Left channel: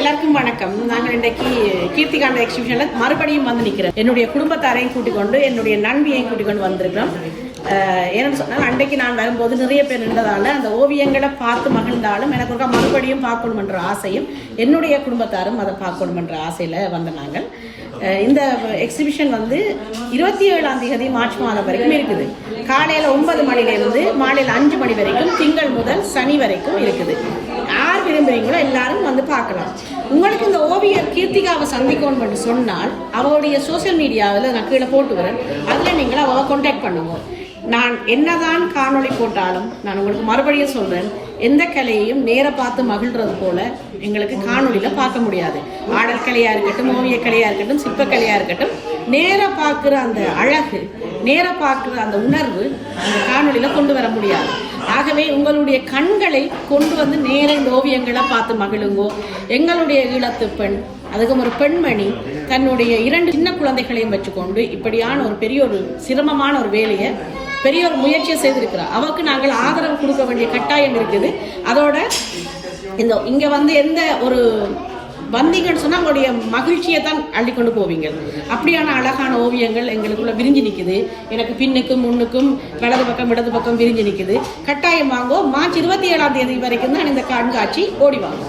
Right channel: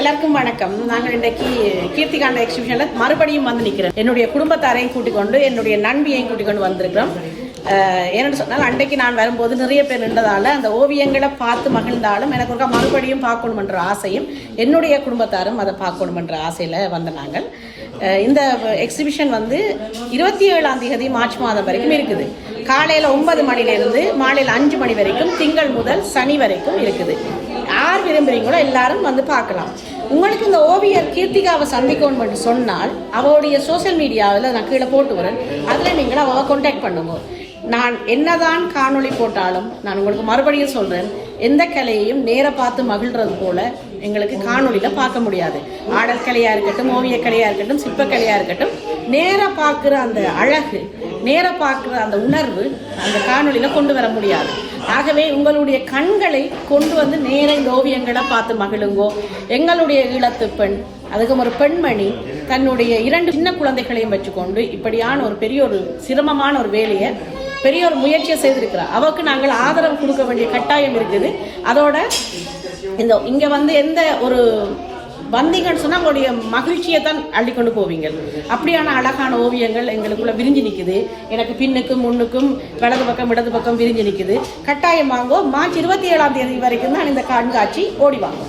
எல்லாருக்கும் வணக்கம். நாங்கள் இன்றைக்கு கீர்த்திகாண்ட எக்ஸிபிஷன்ல மறுபடியும் வந்து நிற்கிறோம். என்னுடைய குடும்பத்தாரையும் கூட்டிக் கொண்டு என்னுடைய நண்பியையும் கூட்டிக் கொண்டு வந்திருக்கிறோம். ஏன்னு சொன்னால் அன்றைக்கு நான் வரும்போது நிறைய பேர் இருந்ததால அந்த ஓவியங்களை பார்த்து மகிழ்ந்தாலும் எனக்கு ஒரு மறுபடியும் பார்க்கணும் என்ற ஆசையும் என்னுடைய குடும்பத்தாரும் அதை பார்க்கணும் என்ற ஆசையில வந்த நாங்கள். இந்த எக்ஸிபிஷன் வந்து 27ஆம் தேதி மார்ச் மாதம் வரைக்கும் இருக்குது. காலையில 9 மணிலிருந்து மாலையில் 5 மணி வரைக்கும் திங்கள் முதல் சனி வரைக்கும் இருக்குது. யார் விரும்புறீங்களோ எல்லாரும் வந்து பார்க்கலாம். உங்களுக்கு இந்த ஓவியர் கீர்த்திகாவை சந்திக்கணும்னு சொன்னால் அவருடைய சோசியல் மீடியாவில் நான் கீழே போட்டு வரேன். அதில் நீங்கள் அவ கான்டாக்ட் பண்ணுவோம். நான் என்னதான் காணொளி போட்டாலும் நான் உங்களுக்கு மறுபடியும் சொல்றேன், எந்த கலையையும் நேர பார்த்து மகிழ்றது போல எங்களுக்கு காணொலியில பார்க்க முடியாது. ஆடல் கலையா இருக்கட்டும், ஓவிய கலையா இருக்கட்டும், சிற்ப கலையா இருக்கட்டும், நேர பார்க்கிற அந்த அழகு, நேர பார்க்கிற அந்த உணர்வு அந்த காணொலியில கொண்டு வர முடியாது. ஆகவே உங்களுடைய கண்களை கொண்டு வந்து நேர இந்த ஓவியங்களை பார்த்து மகிழுங்கோ. எங்களுடைய ஈழத்து பெண், அதுக்கும் ஒரு பெண்மணி தன்னுடைய 2 சின்ன குழந்தைகளையும் வச்சுக்கொண்டு இப்படியான ஒரு பெரிய ஒரு சிரமமான ஒரு வேலையை, பெரிய ஒரு முயற்சியை செய்திருக்கிறார். அவருக்கு நாங்கள் ஆதரவு கொடுக்க வேண்டிய கட்டாயம் இருக்குது. அதோட இங்க வந்து எந்த ஒரு வந்தீங்கன்னு சொன்னா உங்களுடைய மகிழ்ச்சியை தான் அள்ளி கொண்டு போவீங்க. அப்படியான அழகான ஓவியங்கள் எங்களுக்குள்ள விரிஞ்சு நிக்குது. எனக்கு பின்னுக்கும் முன்னுக்கும் வலது பக்கம் இடது பக்கம் விரிஞ்சு நிக்குது. கட்டாயம் வாங்கோ. மார்ச் 27ஆம் தேதி வரைக்கும் தான் இந்த கண்காட்சி. ஓடி வாங்க.